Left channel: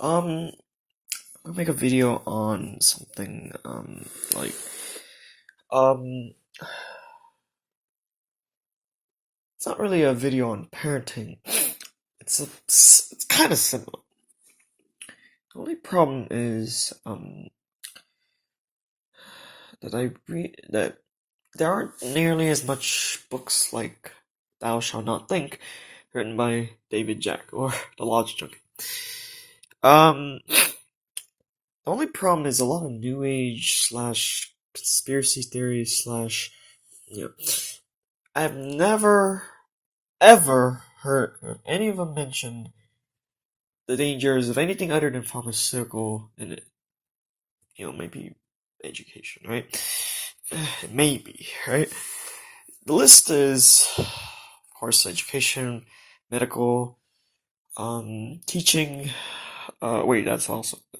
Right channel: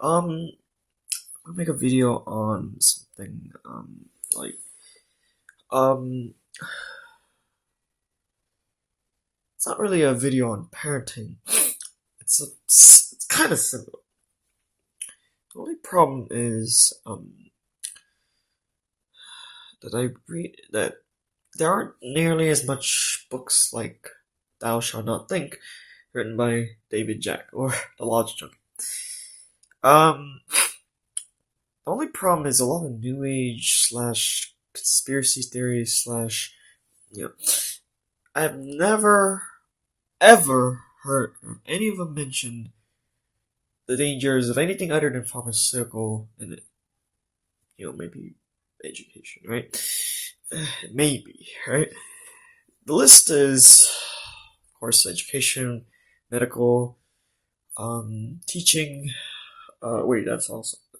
Um, I'll make a video on something, like, um, it's not really a video on parenting. It's kind of similar. The only problem is, that there aren't nearly as much books like Thou Shalt Not Think, written by David Jack, or The Logic Junkie. The only problem is a lot of new age slash conspiracy theories slash, you know, I have never ever heard of any of them mention the dangers of anything other than pharmaceutical and, maybe education, right? Maybe, right? The list is, of course, education, medical, teaching. Wait, that's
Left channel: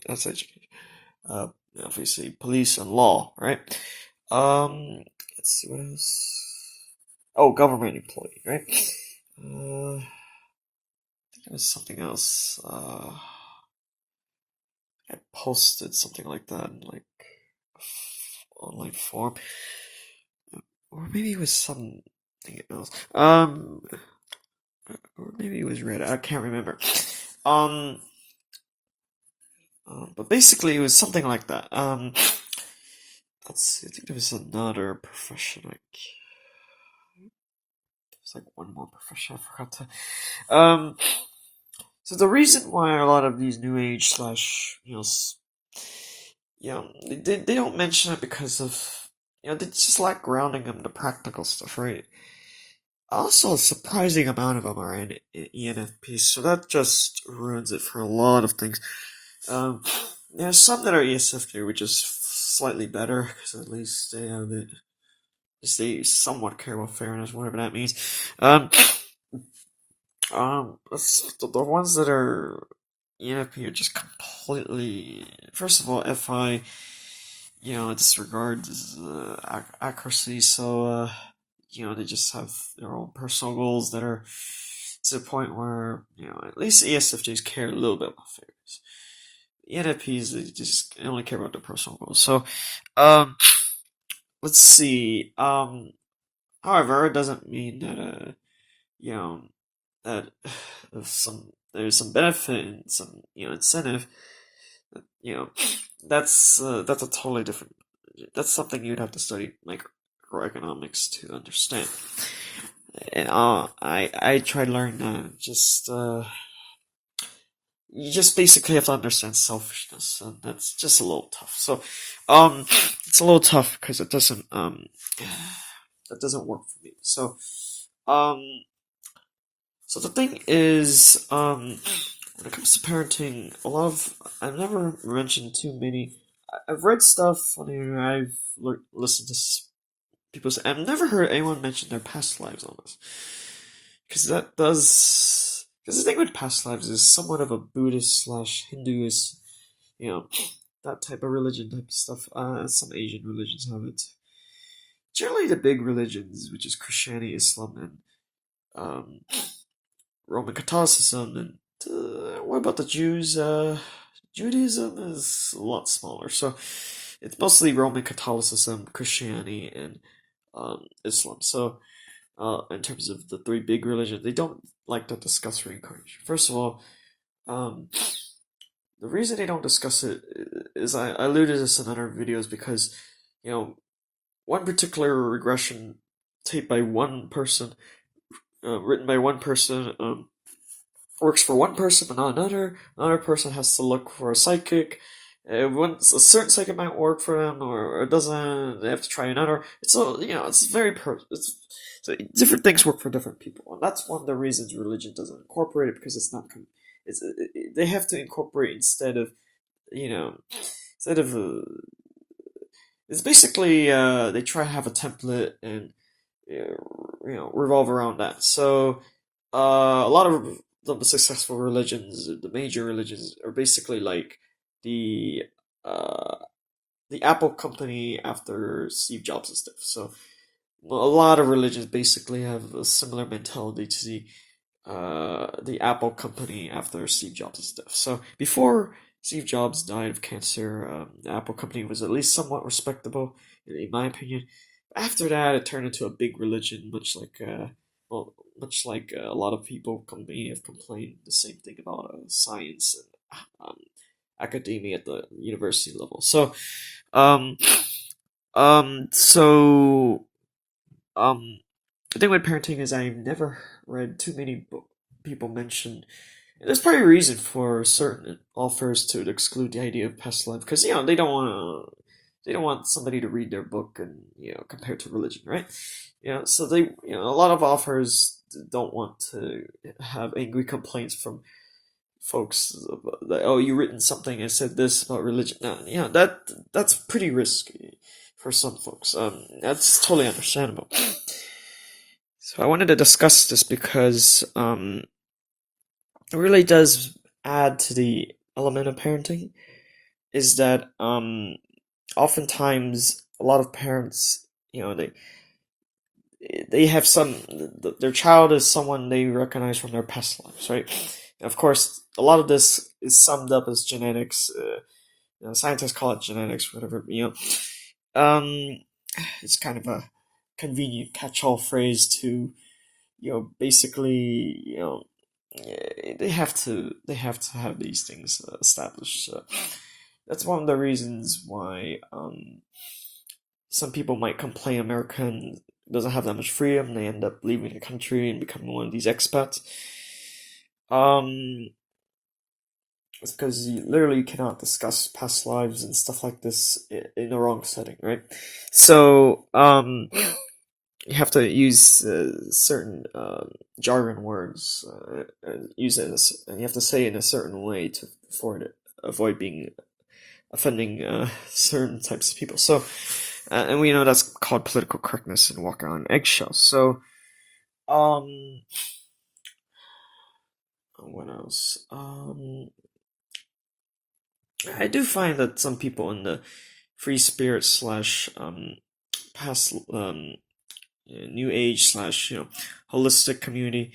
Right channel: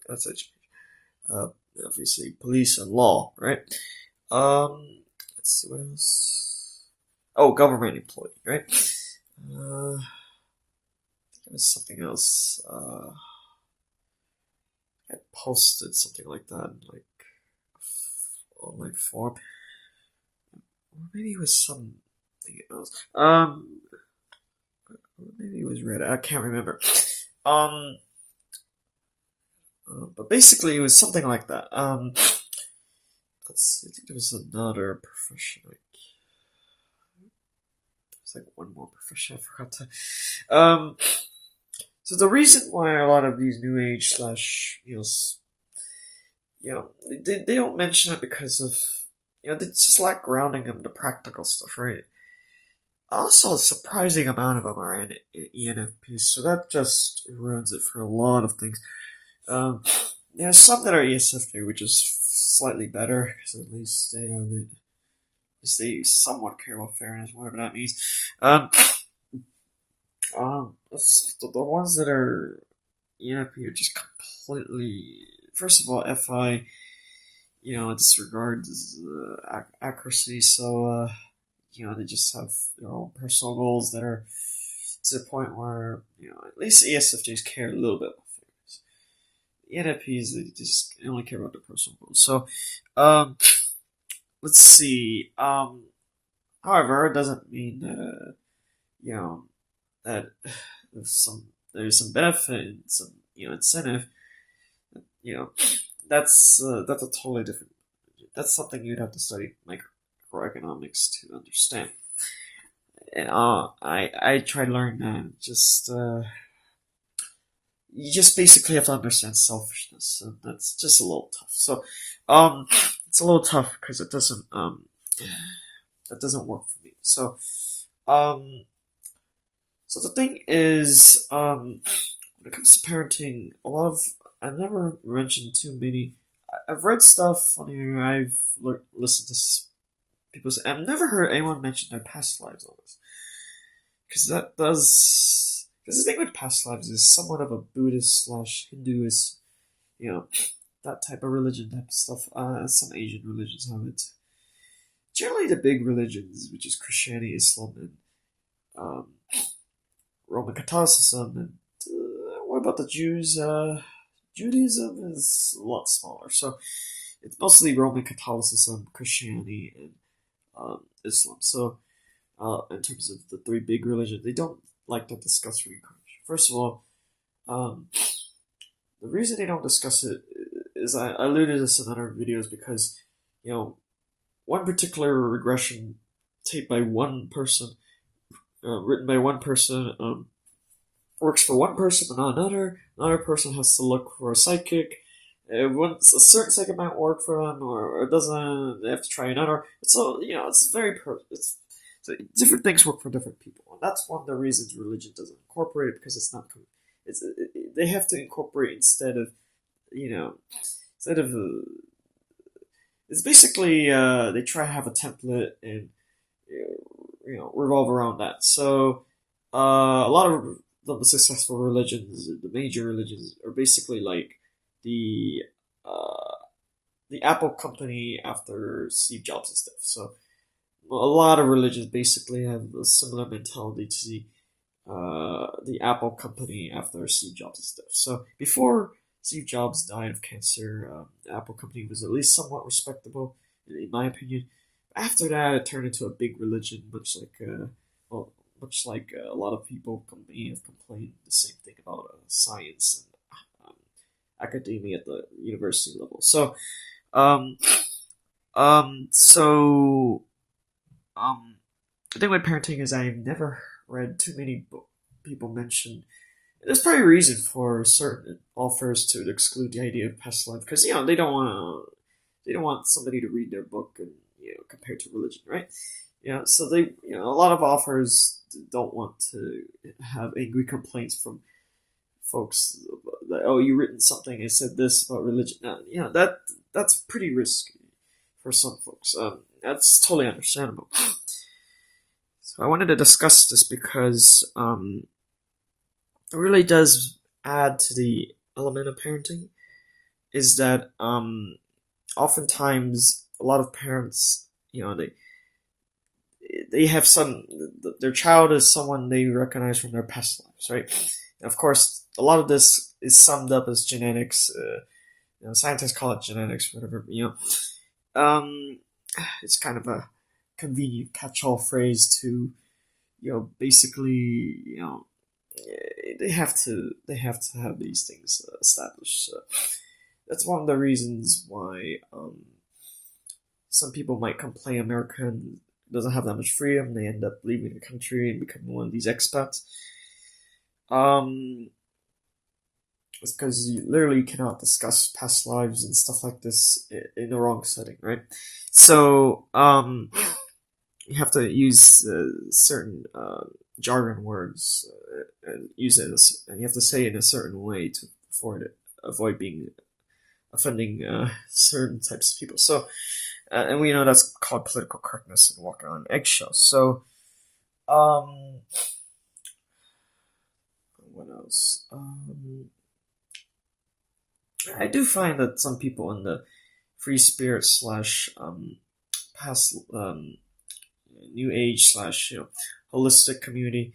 education. Uh, Obviously, police and law, right? Let's see what else. Oh, government employee, right? I think it was something else. I posted something like that in like online form, or maybe it was something else. Or maybe it was Reddit. I can't remember. Um, but basically it was something like that. Let's see. I think there was another profession. Like, there's like one more profession. I forgot to. So the reason why a lot of these new age slash they don't mention it because of they just lack grounding in the practical stuff, right? Also, a surprising amount of them are in ENFPs, so that just ruins it for a lot of things. There's some that are ESFJ, which is slightly better because at least they somewhat care about fairness, whatever that means. The ones that are ENFP are just completely. First of all, FI, disregards accuracy, so they just have their own personal goals that are to the point where at least ESFJs care a little bit about fairness. ENFPs, they just only care about their personal goals. So, let's see. However, it doesn't mean that you know that there's some benefit and some incentive. You know, that's a totally different. That's something you'd have to study microeconomics to understand. And, I tried learning that. You just basically have to understand selfishness, and that's just a little tough. So, it's a little tough because it doesn't that doesn't work for me. Um, so the thing is, when it comes to parenting, I've never mentioned too many. I've read stuff on here. I've listened to people say. I've never heard anyone mention their past lives on this, because that does. Because the thing with past lives is somewhat of a Buddhist slash Hinduist, you know, that type of religion type of stuff. Some Asian religions have it. Generally, the big religions, which is Christianity, Islam, and um, Roman Catholicism, and what about the Jews? Judaism is a lot smaller, so it's mostly Roman Catholicism, Christianity, and Islam. So, in terms of the three big religions, they don't like to discuss reincarnation. First of all, um, the reason they don't discuss it is I alluded to this in other videos because, you know, one particular regression taped by one person, written by one person, works for one person but not another. Another person has to look for a psychic. Once a certain psychic might work for them, or it doesn't, they have to try another. It's all it's very so different things work for different people, and that's one of the reasons religion doesn't incorporate it because it's not. They have to incorporate instead of you know instead of it's basically they try to have a template and revolve around that. So a lot of the successful religions, the major religions, are basically like the uh, the Apple company after Steve Jobs and stuff. So a lot of religions basically have a similar mentality to the the Apple company after Steve Jobs' death. So before Steve Jobs died of cancer, the Apple company was at least somewhat respectable, in my opinion. After that, it turned into a big religion, well, much like a lot of people may have complained the same thing about science and academia at the university level. Um, so the thing with parenting is I've never read too many people mention. There's probably a reason for certain authors to exclude the idea of past life because they don't want somebody to read their book and compare it to religion, right? So a lot of authors don't want to have angry complaints from folks that, oh, you written something and said this about religion. No, that's pretty risky for some folks. That's totally understandable. So I wanted to discuss this because it really does add to the element of parenting. Is that oftentimes a lot of parents, they have their child is someone they recognize from their past lives, right? And of course, a lot of this is summed up as genetics. Scientists call it genetics, whatever. It's kind of a convenient catch-all phrase to, basically, they have to have these things established. That's one of the reasons why some people might complain America doesn't have that much freedom. They end up leaving the country and becoming one of these expats. It's because you literally cannot discuss past lives and stuff like this in the wrong setting, right? So, you have to use certain jargon words and use it and you have to say it in a certain way to avoid being offending certain types of people. So, and we know that's called political correctness and walking on eggshells. So, what else? I do find that some people in the free spirit slash past new age slash holistic community,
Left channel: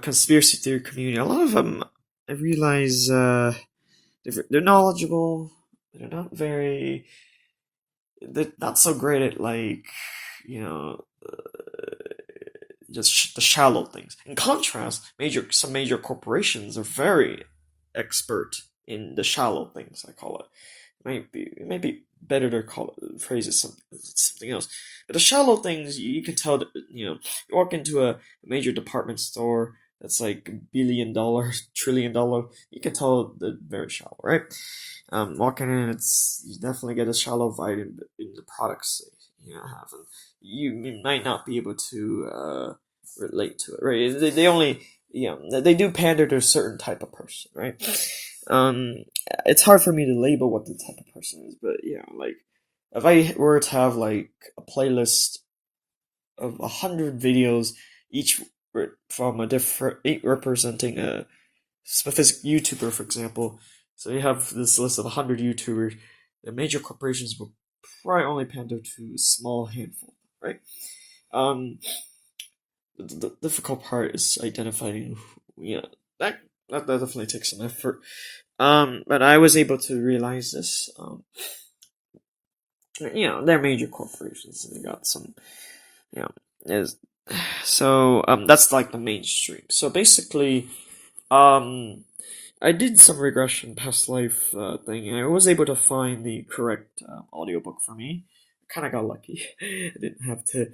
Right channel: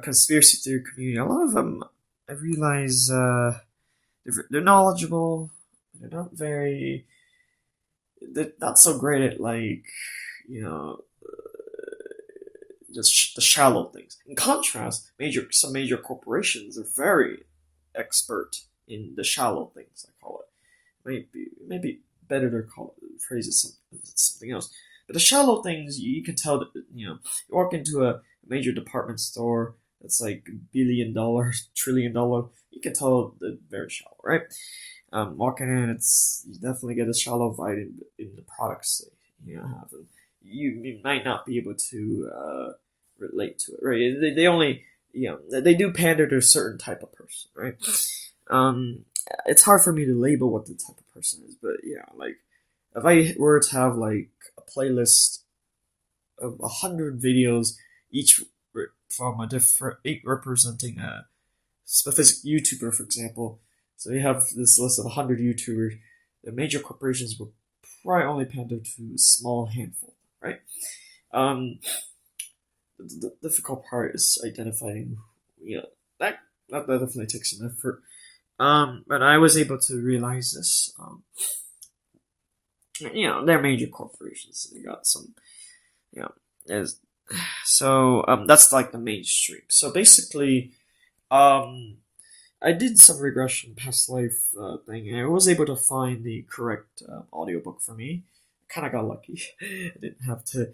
conspiracy theory community, a lot of them I realize they're knowledgeable. They're not so great at just the shallow things. In contrast, some major corporations are very expert in the shallow things. I call it. It might be better to phrase it something else. But the shallow things, you can tell that you walk into a major department store that's like $1 billion, $1 trillion. You can tell they're very shallow, right? Walking in, you definitely get a shallow vibe in the products have. You might not be able to relate to it, right? They only they do pander to a certain type of person, right? It's hard for me to label what the type of person is, but like if I were to have like a playlist of 100 videos, each from each representing a specific YouTuber, for example. So you have this list of 100 YouTubers. The major corporations will probably only pander to a small handful, right? The difficult part is identifying. That definitely takes some effort. But I was able to realize this. They're major corporations. They got some, is so that's like the mainstream. So basically, I did some regression past life thing, and I was able to find the correct audiobook for me. I kind of got lucky. I didn't have to,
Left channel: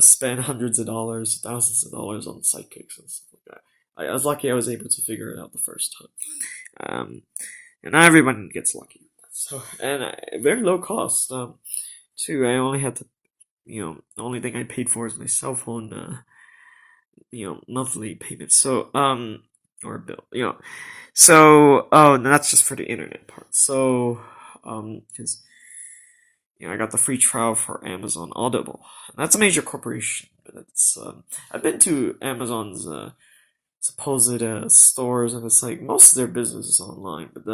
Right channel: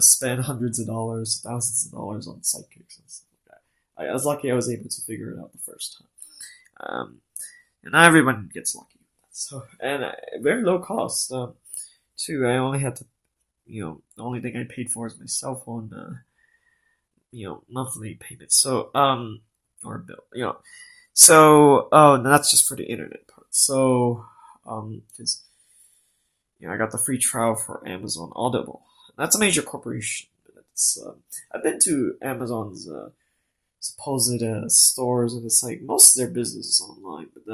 spend hundreds of dollars, thousands of dollars on sidekicks and stuff like that. I was lucky I was able to figure it out the first time. And not everyone gets lucky. So, and very low cost, too. I only had to, the only thing I paid for is my cell phone, monthly payment. So, or a bill, So, oh, and that's just for the internet part. So, because I got the free trial for Amazon Audible. That's a major corporation, but it's I've been to Amazon's supposed stores, and it's like most of their business is online. But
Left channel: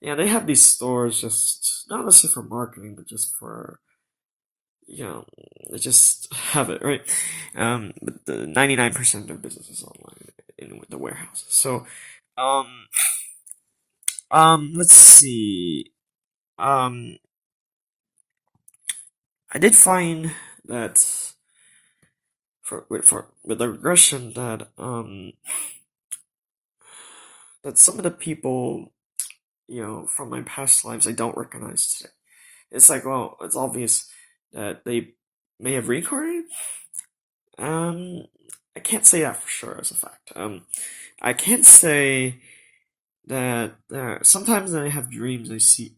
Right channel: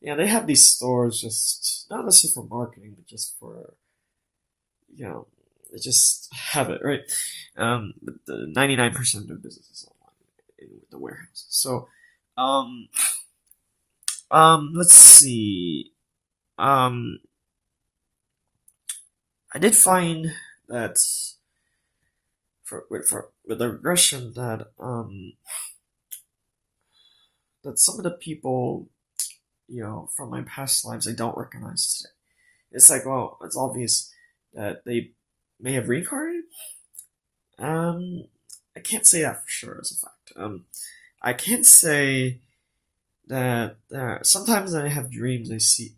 they have these stores just not necessarily for marketing, but just for they just have it, right? But the 99% of their business is online. in the warehouse. So, um, let's see. Um, I did find that with the regression that some of the people, from my past lives I don't recognize today. It's like, well, it's obvious that they may have reincarnated. Um, I can't say that for sure as a fact. I can't say that sometimes I have dreams I see,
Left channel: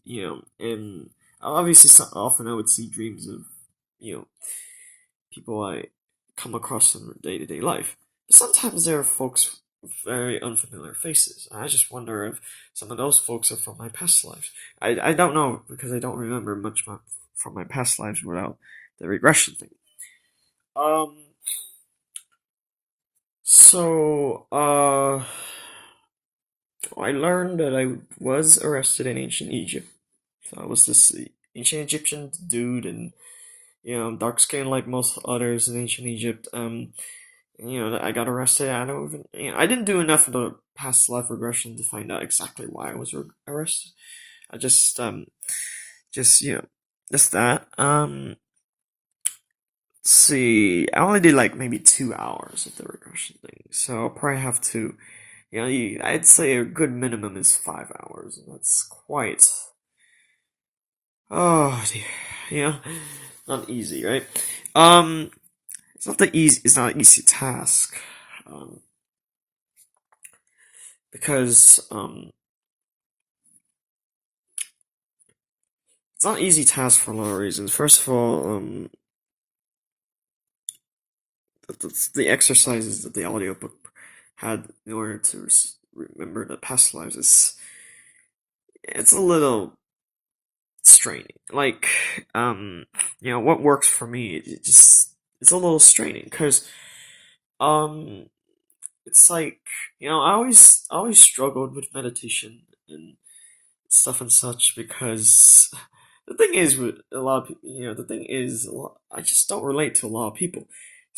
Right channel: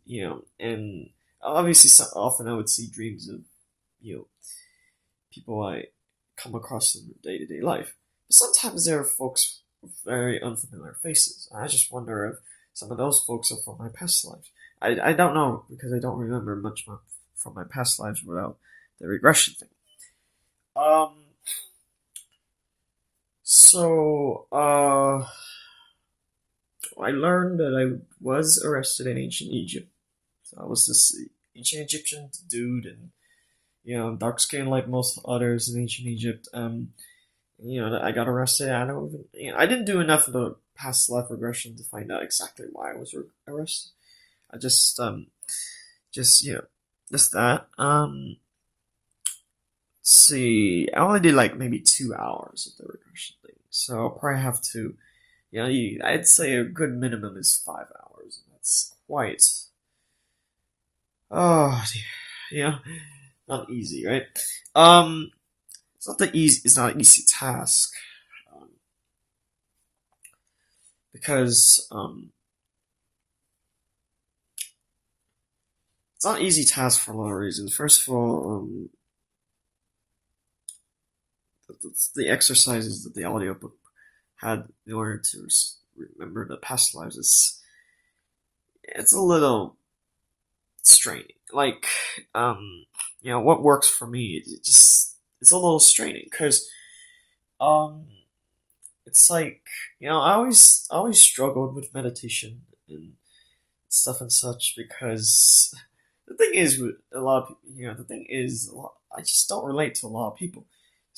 and obviously often I would see dreams of, you know, people I come across in day to day life. But sometimes there are folks with very unfamiliar faces. I just wonder if some of those folks are from my past lives. I don't know because I don't remember much from my past lives without the regression thing. Um, so, I learned that I was arrested in ancient Egypt. So I was this ancient Egyptian dude, and dark skin like most others in ancient Egypt. I got arrested. I don't even. I didn't do enough of the past life regression to find out exactly why I was arrested. I just that. Let's see, I only did like maybe 2 hours of the regression thing, so I'll probably have to. I'd say a good minimum is 5 hours, and that's quite. Oh dear, yeah, not easy, right? Um, it's not the easy. It's not an easy task, um, because it's not an easy task for a lot of reasons. First of all, the exercises that the audiobook had in order to remember the past lives it's a little straining. Like, what works for me, it's a little straining because, um, it's like, I always struggled with meditation and stuff and such because the thing is with a lot of people, the thing is I just don't relate to a lot of people.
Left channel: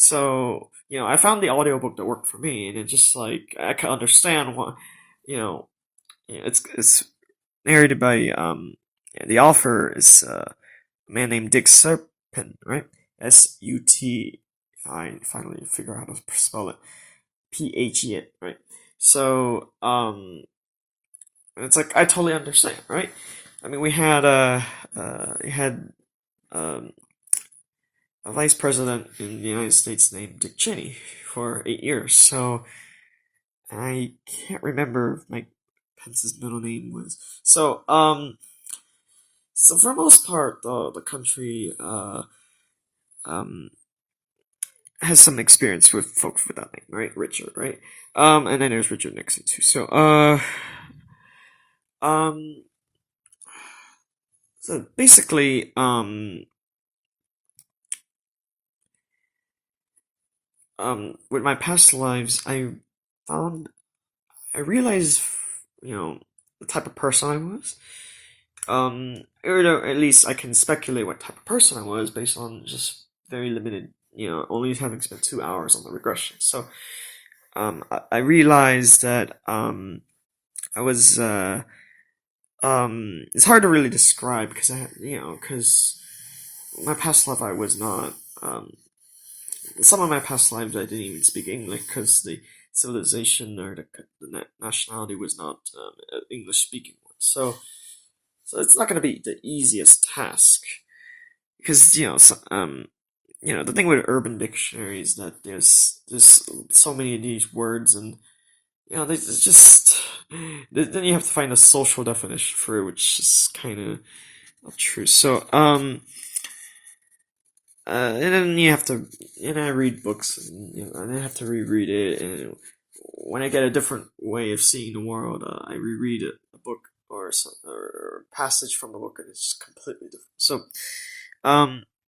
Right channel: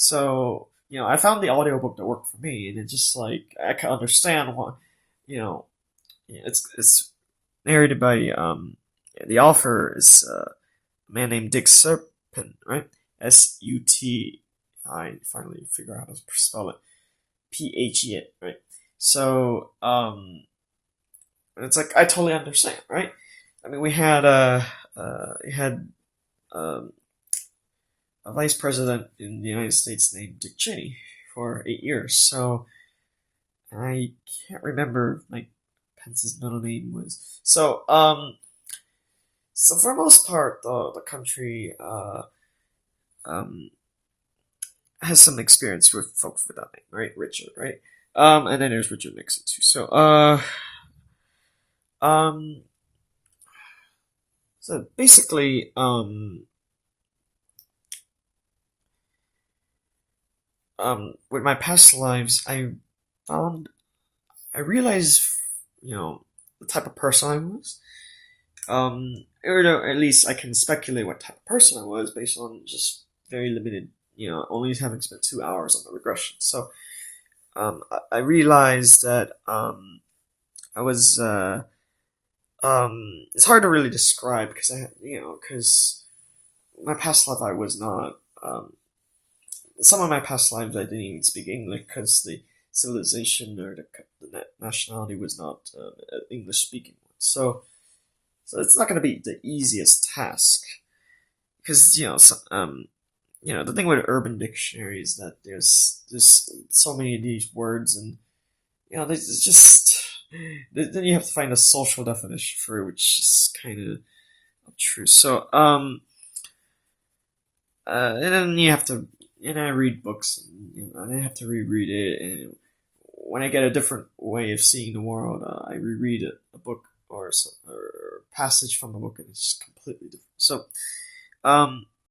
So, I found the audiobook that worked for me, and it just like I can understand why, you know, it's narrated by the author is a man named Dick Serpin, right? Suti. I finally figure out how to spell it. Phe, right? So it's like I totally understand, right? I mean, we had um a vice president in the United States named Dick Cheney for 8 years. So I can't remember if Mike Pence's middle name was. So for the most part, the country um, has some experience with folks with that name, right? Richard, right? And then there's Richard Nixon too. Um, so basically, with my past lives, found, I realized, the type of person I was. Or at least I can speculate what type of person I was based on just very limited, only having spent 2 hours on the regression. So, I realized that, I was, it's hard to really describe because because my past life I was not, some of my past lives I didn't even speak English because the civilization or the nationality was not an English speaking one. So it's not going to be the easiest task because the thing with urban dictionary is that there's so many of these words, and there's just then you have to find a social definition for it, which is kind of not true. So and then you have to, I read books, and and I have to reread it, and when I get a different way of seeing the world, I reread a book or a passage from a book, and it's just completely different. So, um,